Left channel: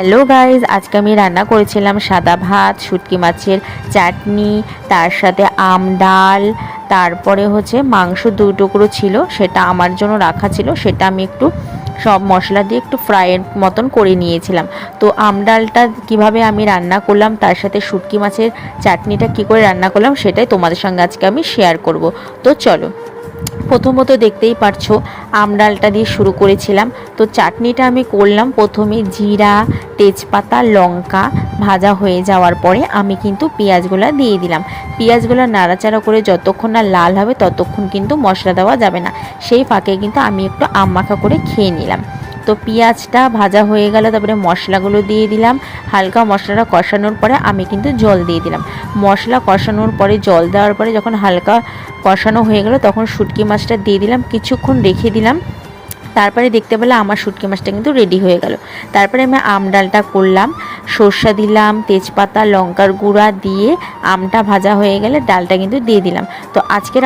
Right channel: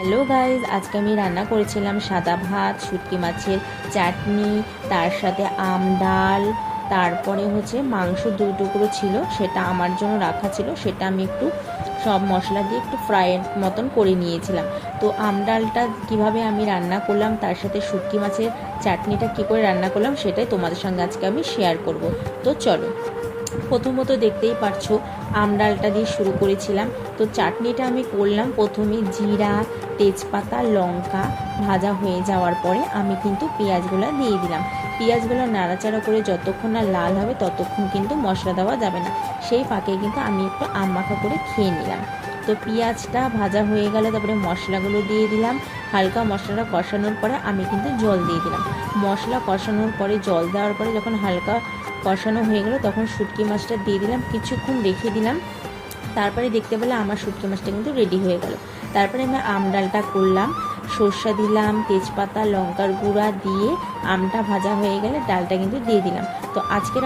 Hello guys, আজকে আমি রান্না করেছিলাম সাদা ভাত, শুটকি মাছের চাটনি, তার সাথে আম ডাল, তারপরে মাংস 2 টুকরো ছিল, সেটা আমার জন্য রাখা ছিল, সেটা আমি একটু সব মশলা দিয়ে একটু ফ্রাইয়ের মতন করে নিয়েছিলাম। তো আম ডালটা কীভাবে আমি রান্না করলাম, তার সাথে শুটকি মাছের চাটনিটা কী করে রান্না করলাম, সেটাই তোমাদের সঙ্গে আজকে আমি শেয়ার করব। তো চলো, প্রথমত দেখতেই পারছো আম ডালটা দিয়ে শুরু করেছিলাম। তো চাটনিটা আমি করলাম প্রথমে জিরা, তেজপাতা, লঙ্কা ভাজা হয়ে যাওয়ার পরে আমি কিন্তু পেঁয়াজগুলো দিয়ে দিলাম। পেঁয়াজগুলো নাড়াচাড়া করে যতক্ষণ না লাল হবে ততক্ষণ কিন্তু মশলা দেওয়া যাবে না। সেই ফাঁকে কিন্তু আমি একটু আম মাখা করে খেয়ে নিলাম। তো পেঁয়াজটা ভাজা হয়ে গেল, তারপরে মশলাগুলো দিয়ে দিলাম। হালকা মশলাটা কষানোর পরে আমি কিন্তু জল দিয়ে দিলাম। মশলা কষানোর পরে জল দেওয়ার পরে যখন হালকা কষানো হয়ে গেল তখন শুটকি মাছটা দিয়ে দিলাম, কিছুক্ষণ রেখে দিলাম। তারপরে দেখতে পেলে আমার শুটকি মাছটা কিন্তু রেডি হয়ে গেল। তারপরে আমি আম ডালটা করলাম, সর্ষা দিলাম, তেজপাতা, লঙ্কার গুঁড়া দিয়ে আমটা ভাজা হয়ে গেলে ডালটা কিন্তু দিয়ে দিলাম। তো আজকের